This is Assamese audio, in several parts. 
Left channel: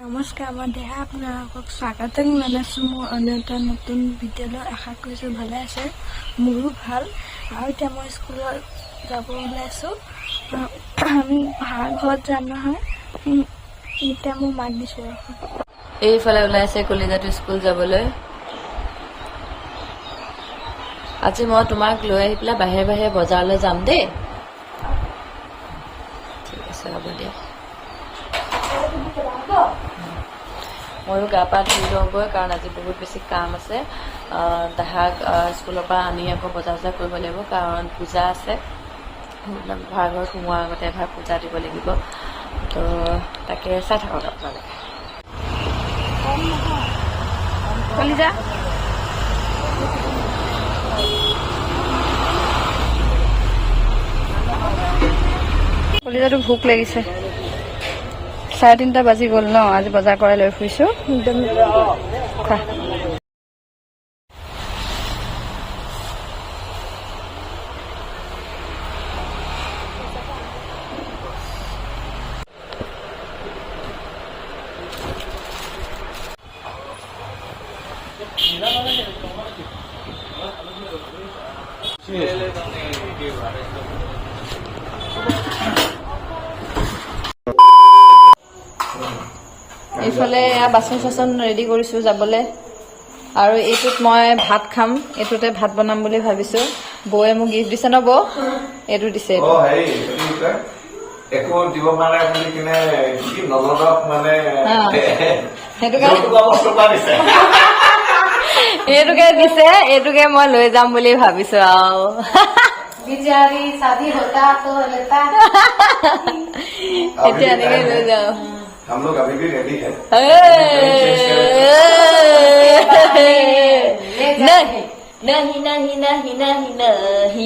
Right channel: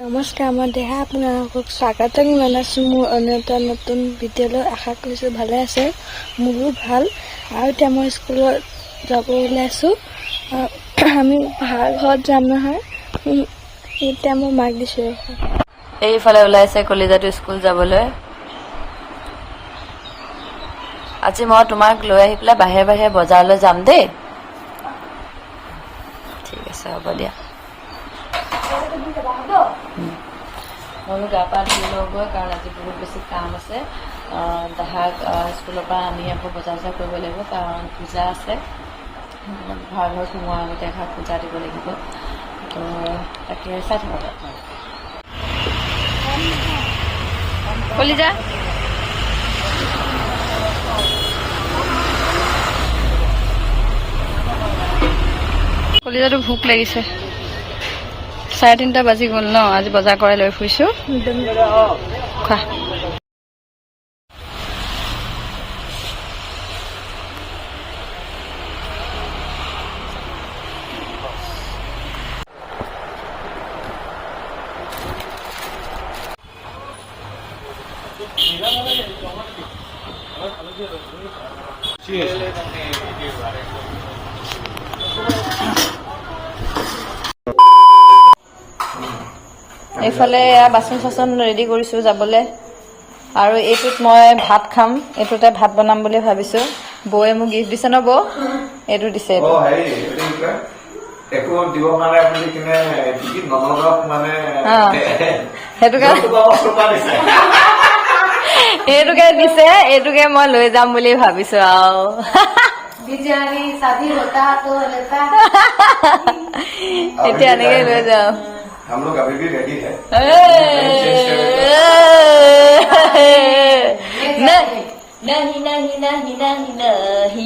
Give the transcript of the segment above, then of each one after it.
নমস্কাৰ, মই দেহা আপোনালোকক স্বাগতম জনাইছোঁ মোৰ অন্য এটা নতুন ভিডিঅ'লৈ। আশা কৰিছোঁ ভালে আছে, মোৰো ভাল। আৰু এতিয়া মই স্কুলত যাব ওলাইছোঁ। আমি ভাড়া ঘৰত যাম নহয়। এতিয়া মই মাক দিছোঁ। এইফালে ওলাইছে কলিজাটো স্কুল যাবলৈ। আজি মই তোমাক লৈ আহি পেলাই বাহিৰে বাহিৰে বজাৰলৈ যাম দেই। ঠিক আছে, হ'ব দিয়া। ময়ো গা পা ধুই লওঁগৈ, কাৰণ আজি বহুত বেছি কাম আছে। দেহাক স্কুলৰ পৰা আনি আকৌ বজাৰ চজাৰ কৰিব লাগিব, কাৰণ পূজা আছে। ভাড়াঘৰত সোমোৱাৰ আগতে এভাগ পূজা দিব লাগিব। তো তাকে চাই থাকক আপোনালোকে। কলিজা কলিজাটো ভোক লাগিছে। 3:30 বাজি গ'ল ন। আজি বজাৰ কৰাই লৈ ফুৰিছোঁ। খোৱা। এইফালে বাচন চাচন ৰেডি কৰিছোঁ যাবলৈ। আৰু এইটোত মই ভাত খাম, এইটোতে ভাত বনাম বুলি ভাবিছোঁ। বৌয়ে মোক গিফ্ট দিছে ন বৌ? এইটো দিছে। সেইটোকে দিছে, এইটোকে মই লৈ যাম বুলি ভাবিছো আৰু। এতিয়া এনেকে লৈ যাওঁ। हम लोग अभी भी रेडी है। नहीं नहीं नहीं नहीं नहीं,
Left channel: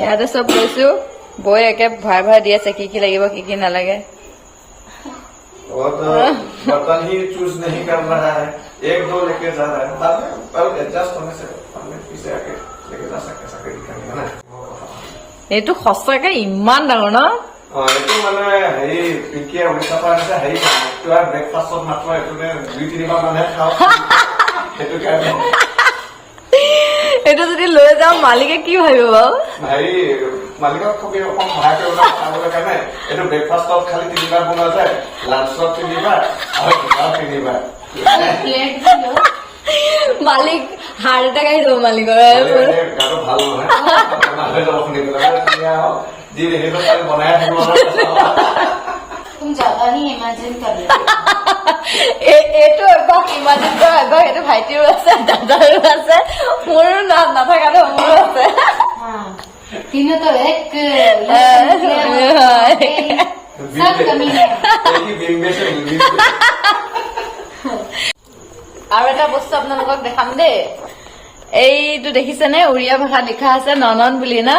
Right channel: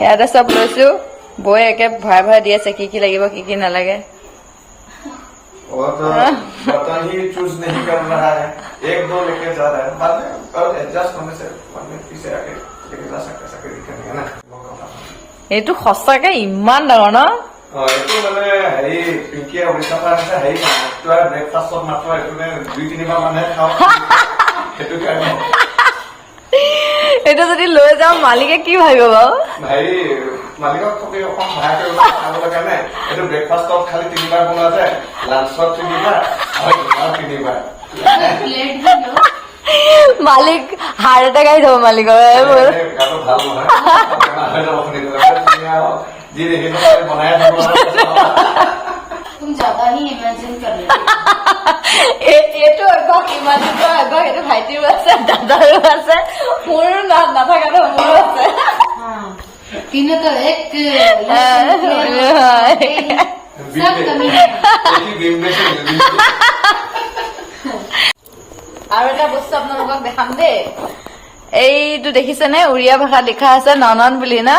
ইয়াতে চব লৈছো। বৌয়ে একে ভৰাই ভৰাই দি আছে কি কি লাগিব কি কি নালাগে। वो तो बर्तन ही चूज नहीं कर रहा है, एक दो लेके जा रहा है। और एडजस्ट होने से पीछे आके लेके जा सकते ऐसा कोई दिक्कत नहीं है ना। এইটো সঁচাকে ইমান ডাঙৰ ন। এইটো মানে হেৰি পিংকিয়ে উৰিষ্যাৰ পৰা আহিছে। হেৰি মাত্ৰ ব্ৰেকফাষ্টত মাত্ৰ এইটো 2-3 বাৰ মানুহে খাওঁ। সেইটো কাৰণে এইটো যদি লৈ যাওঁ মালিকে কি ভাবিব বাৰু? হেৰি মালিকক খুবেই অকণ সহায় কৰিব কাৰণে এইটো ব্ৰেকফাষ্টত খালি 3 বাৰ বনোৱা যায়, লাঞ্চত 3 বাৰ আৰু ডিনাৰত 3 বাৰ। মালিক হাৰ্ট এটেক আহি যাব মালিকৰ। ভাল নহয় जी देखिए तो बनाया था तुम ज्यादा ही इमेजिन कर रहे এইটো এবাৰ ইমাজিন কৰা এবাৰ এইটো ভাইটিও আছে দাদাও আছে মোৰো নাথাকাটো মোৰো আছে। तीनों तो एक আৰু এটা বস্তু আপোনালোকক দেখাম দেই। এইটো দেখিছেনে? উৰিয়া ভাষাত লিখা আছে ননন বুলি না।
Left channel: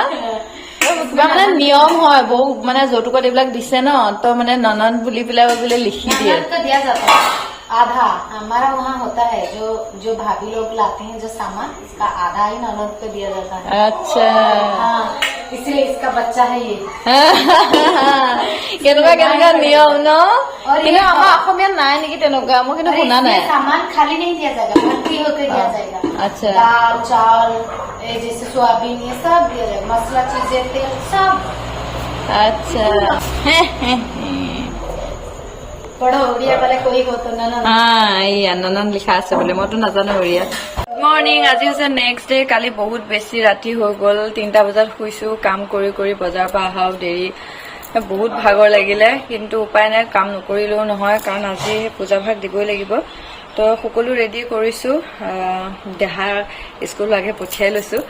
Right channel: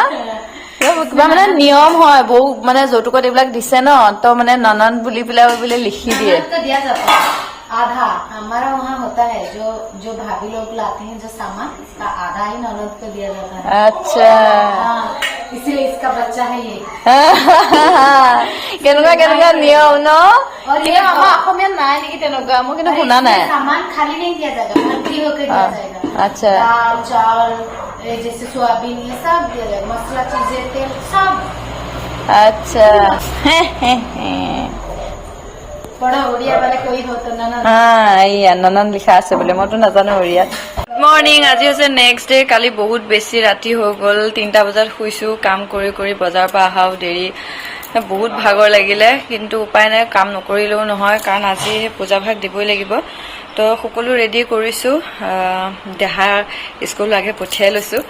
কিবা মানে নিয়ম হয়, বহু মানে যৌতুকত এইবিলাক দিছে ন, তো মানে ননন বুলি পেলাই বোলে লিখি দিয়ে। ननद को दिया जाता है आधा। हमारा वहाँ होता है जो भाभी लोग लाते हैं जो सामान, इसका आधा ही ननद को दिया जाता है। আচ্ছা, हाँ, इसलिए इसका बच्चा है ये। কেনেকুৱা কেনেকুৱা নিয়ম ন। और কিন্তু ये আমাৰ অসমীয়াত নাই নেকি তেনেকুৱা, মই কিন্তু और শুনা নাই। इसमें सामान खाली नहीं दिया जाएगा, भर्ती होकर दिया जाएगा। अच्छा। दाल चावल जैसे सोयाबीन ये सब मसाला चीजें तेल सब। আচ্ছা बड़ा उड़िया वाला कोई हो तो ननद। এইয়া ননন লিখা আছে বোলে, মইতো নাজানো উৰিয়াত। মৰ্ণিং, আজি হৈছে নেক্সট ডে। কালি বহুত বেছি ৰাতি হৈ গ'ল, 3টা বজাত শুইছোঁ। কাম কৰি কৰি বজাৰৰ পৰা অহাও দেৰি, বহুত ভাগৰ লাগিলে। কিন্তু উপায় নাই, কাম নকৰিলেও নহয়, কাৰণ আজি পূজা ভাগ দিবই লাগিব। তো সকলো ৰেডি কৰিছোঁ। দেহা স্কুল আগে পঠিয়াই লৈছোঁ।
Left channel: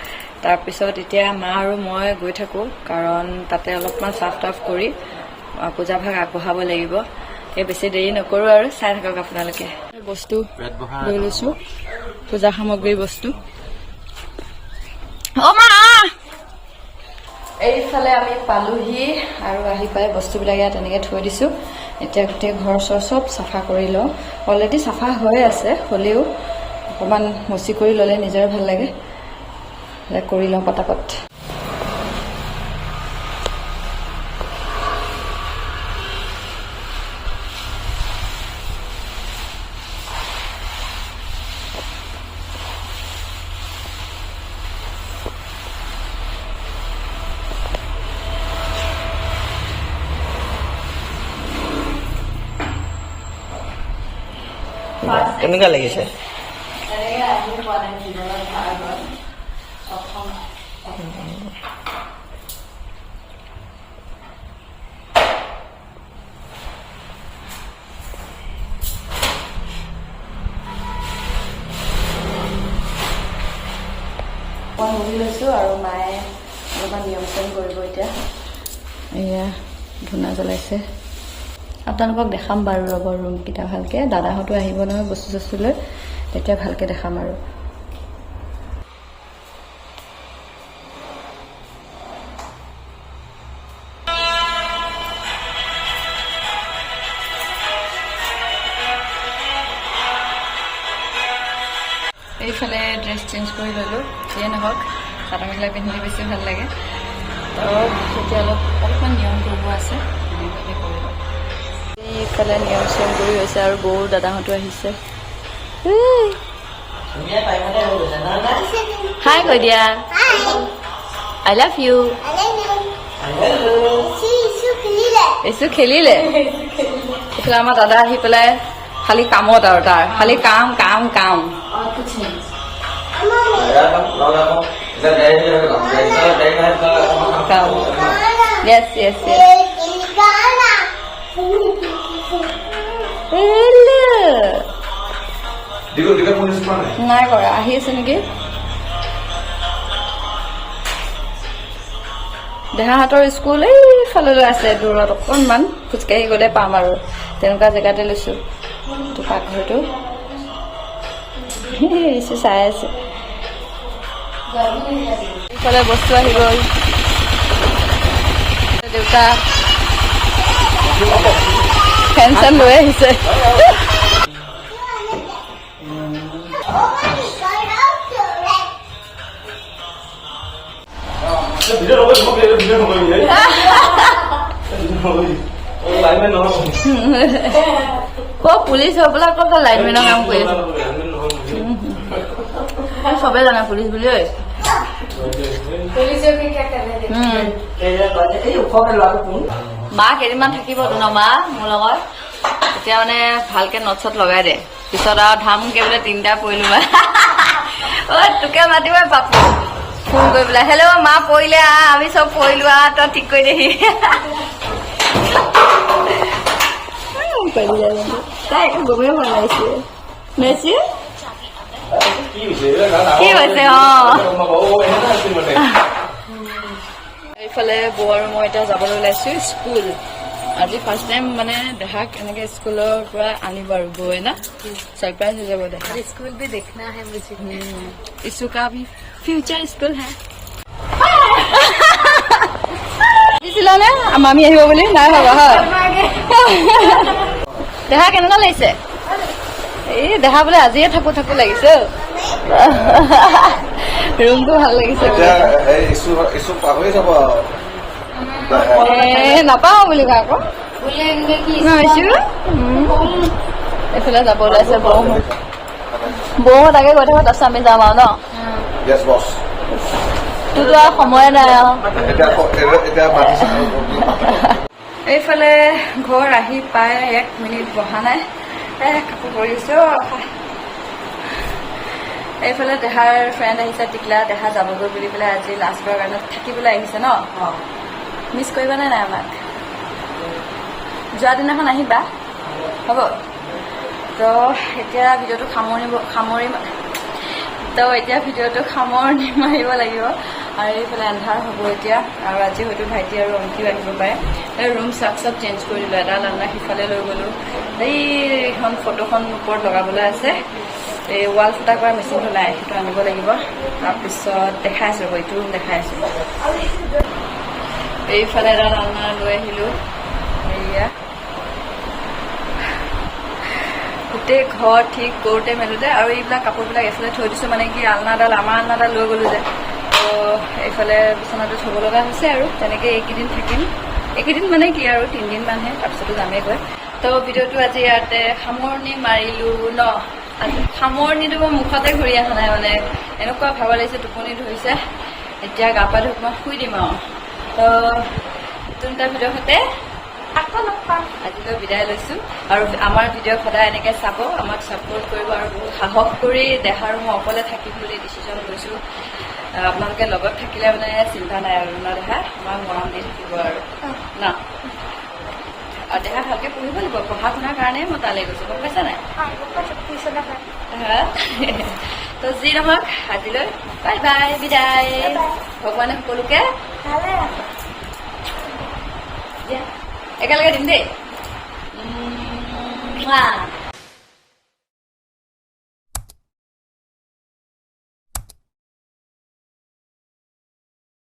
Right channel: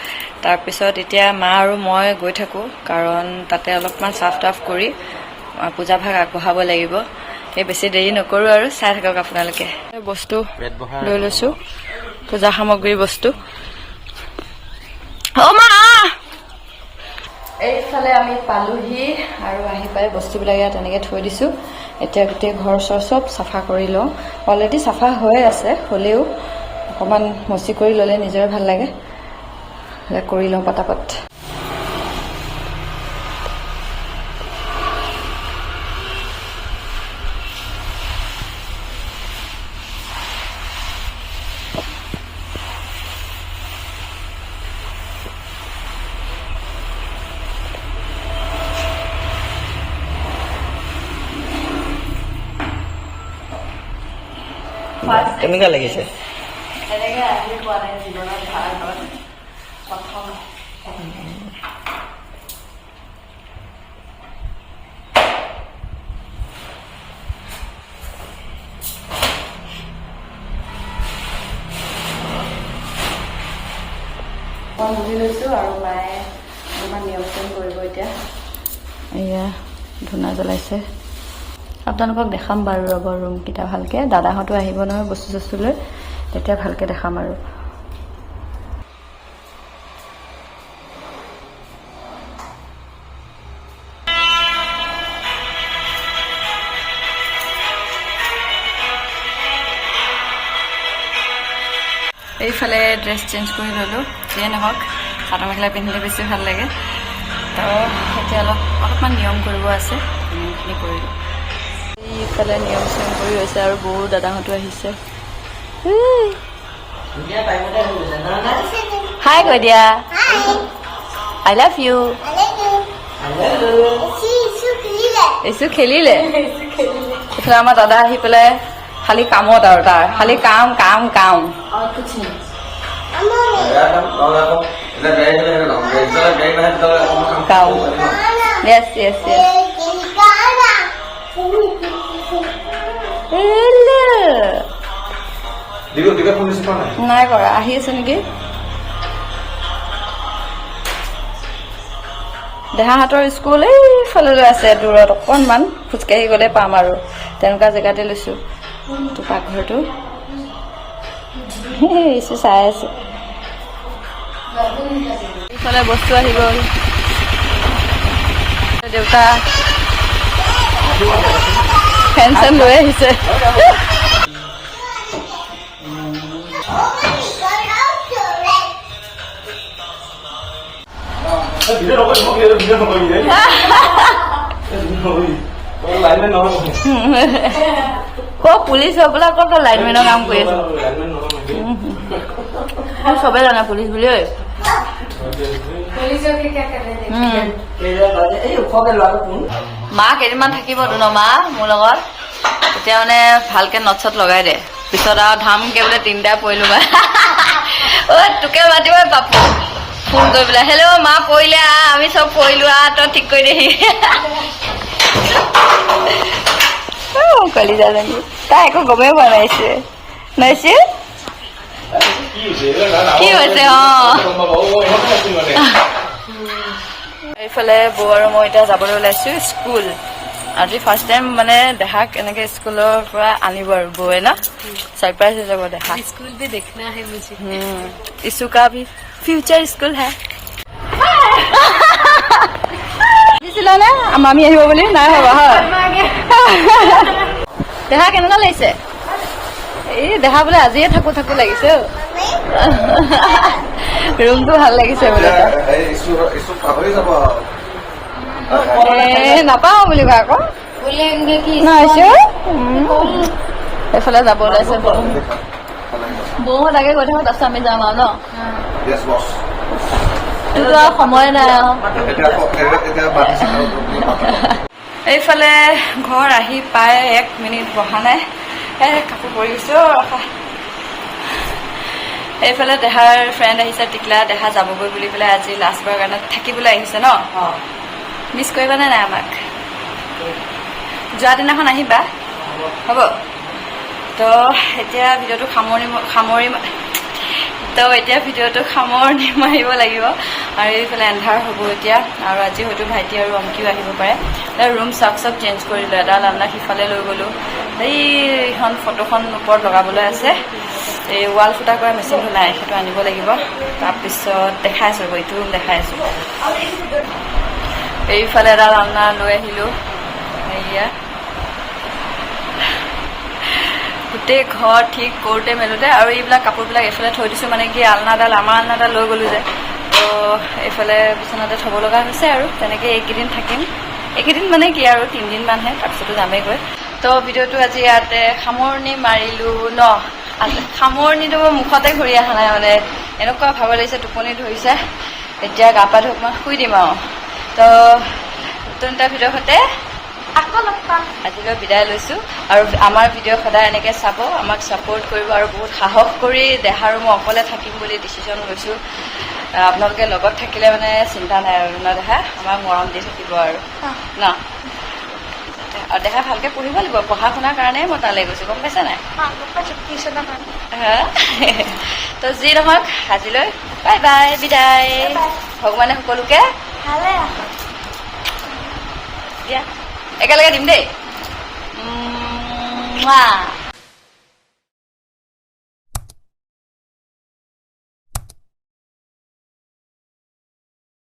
তাৰপিছত এতিয়া মা আৰু মই গৈ থাকোঁ, কাৰণ তাতে অলপমান চাফ টাফ কৰি পূজা ভাগ আগবঢ়াব লাগিব। এই বেছি দেৰি নকৰোঁ আৰু চাই থাকক আপোনালোকে। বস্তু লৈ লৈছোঁ, পূজা সামগ্ৰীৰ বস্তু। অ' মা, এইফালে আমি পালোহি আৰু আহি পেলাই বস্তুবিলাক ইয়াত এনেকৈ থৈ দিছোঁ। এতিয়া গোটেই ঘৰ চৰ চব চাফা কৰি লওঁ। অলৰেডি চাফা হৈ আছে, হ'লেও অকণমান মচি কৰি ল'লে নিজৰে ভাল লাগে। কৰি লওঁ পটাপট। কেনেকুৱা লাগিছে? এনেকৈ আহি পোৱা নাই জীৱনত ভাল হ'ল প্ৰথম। মই বহি লৈছোঁ আৰু মায়ে অলপমান নিয়ম চিয়ম কৰিব এতিয়া। এয়া ধূনা জ্বলাইছে। আপোনালোকক দেখাম বাৰু ৰ'ব ৰুমকেইটা ভালকৈ। দাদাহঁতো আহিব নহয় বস্তু চস্তু লৈ, তেতিয়া ভালকৈ দেখাম আৰু। এইফালে ড্ৰেছ চেঞ্জ কৰি ল'লোঁ, যিয়ে নহওক চাদৰ মেখেলা পিন্ধিলে বেছি ভাল লাগে। তো এতিয়া অলপমান নিয়ম কৰিব আছে, নিয়মখিনি কৰি লওঁ। এইফালে নিয়ম চিয়ম কৰি হৈছে আৰু বৌ দাদাহঁতো আহিছে। হাই কৈ দিয়া, আই লাভ ইউ। এইটো খেলিলে। এইফালে আমাৰ দাদা আহি পেলাই খালি কামত আৰু তাৰ খালি কাম কাম কাম। কাম য়েছ য়েছ য়েছ। নাই কৰা, আহি আছে নেকি? দেহাহঁতৰ স্কুল এইফাললৈ আছে দূৰত অকণমান, খোজকাঢ়ি গ'লে পাম আৰু তেনেকুৱা জেগাতে লৈছোঁ। তো পাকঘৰটো চাই আছে। ইফালে বস্তু আহি গ'ল। দেউতা ফেন চেন লৈ আহিছে। ক' পুলিচ হৈ পেলাই ক'ত লাইনমেনৰ কাম কৰি আছে? চবেই জানে পুলিচ বুলি। ঐ মা কেইদিনমান থাকিবতো ন মা মোৰ লগত, তেতিয়া মানে ভালকে নট চট লগাই দে। পিছত আৰু ধামকে বোলে 3টা পৰিলো মা। অ তোকে মাতিব পাপু ফোন কৰি পেলাই, হেল্ল' মা পৰিলে আমি চব পৰিলো তই ঠিক কৰি দেহি। কলিজা লাগি তাই একো গমেই পোৱা নাইছে নাইছে কি হৈছে। এইফালে বৌ আৰু মই এতিয়া যাবলৈ ওলাইছো স্কুল। আজি ফাৰ্ষ্ট টাইম মানে দেহাক এনেকে স্কুলৰ পৰা আনিব আৰু বৌয়ে না, सरप्राइज हो जाएगा। देखा स्कूल भी देखना है मुझे। इसू का भी फ्यूचर स्कूल है। দিছিলা নে মামী আহিব বুলি? নাই হবা হয়। দেহা কেনেকুৱা লাগিছে? এই দেহা বোলে আজিয়ে থাকো থাকো লাগিছে। ৰুমটো ভাল লাগিছে বোলে। নাপাও বুলি ভাই আকৌ নহৈছে। এইফালে যাব ওলাইছে বৌহঁত। বৌহঁত আগে গৈ থাকো, তাৰপিছত আমি যাম আৰু ন। তোৰতো আৰু সময় নাই আৰু। এইফালে ঘৰ আহি পাই 1 মিনিট বহা নাই, কাপোৰ পৰিছো। এইফালে দেহাৰ ফ্ৰেণ্ড আহিছে টিকলা, দেহা যাবগৈ বুলি পেলাই আজি লাষ্টবাৰৰ কাৰণে থাকিবলৈ আহিছে ন। মিছ কৰিবানে নাই আমাক? যোৱা দিনাখন আহিবা হ'ব। তো এতিয়া ভিডিঅ'টো সামৰণি মাৰিব লাগিব। আৰু এইফালে এন্ধাৰ হ'ব এতিয়া, আৰু আজি হয়তো ভাইটি আৰু অংকিও আহিব পাৰে। ৰুম চাক চব চেঞ্জ কৰিলোঁ, এডাল আলনা সিফালে লৈ গ'লোঁ। এইখন ফটোখন ওপৰত লগাবলৈ আছে, এই ৱাল ফুটা কৰা মেচিনটো নাই, সেইটো আনিব লাগিব। তাৰপিছত দেখাই আছোঁ, এইটো ৰুম দেখাই আছোঁ। এইফালে এডাল আলনা লৈ আহিলোঁ। এয়া গোটেই ঘৰ ঠিক কৰোঁতে মেলোঁতে, আৰু এইবিলাক কাপোৰবিলাক এইফালে থৈ দিছোঁ, মানে কি আমাৰ আলনাডাল লৈ গ'লোঁ যে, তো এইফালে বিচনাতে থ'ব লগা হৈছে। আৰু তেনেকৈ এইকেইদিন থাকিম। এইকেইদিন মানে কি আৰু 3 দিনমানহে, তাৰপিছতো যামেইগৈ। তো ভিডিঅ'টো আজি ইয়াতে সামৰণি মাৰিলোঁ ন। সামৰণিটো মোৰ মুখতে ঘূৰি অহা নাই, মানে এনেকুৱা ভাগৰ লাগিছে, টোপনি ধৰিছে। এতিয়া গা পা ধুই অকণমান শুই দিম আৰু। তো নতুন এটা ভিডিঅ'ৰ সৈতে আকৌ লগ পাম আজিলৈ বিদায় লৈছোঁ আৰু আমাৰ ভিডিঅ' সদায় এনেকৈ চাব আমাক ছাপোৰ্ট কৰিব আৰু বহুত সাহস কৰি দেহা আৰু মই অকলে থাকিম বুলি ডিচিশ্যন লৈছোঁ আপোনালোকে লগত থাকিলে মানে চিন্তা নাই আৰু ন দেহা আমাক মৰম দি থাকিব আৰু ন আৰু দেহা ভালকৈ পঢ়িব লাগিব পঢ়া শুনাৰ কাৰণে মই তালৈ গৈছোঁ গম পাইছা নাই তো যি নহওক আজিলৈ বাই বাই বিদায় ভগৱানে সকলোকে ভালে দিয়া একেলগে দিম দেই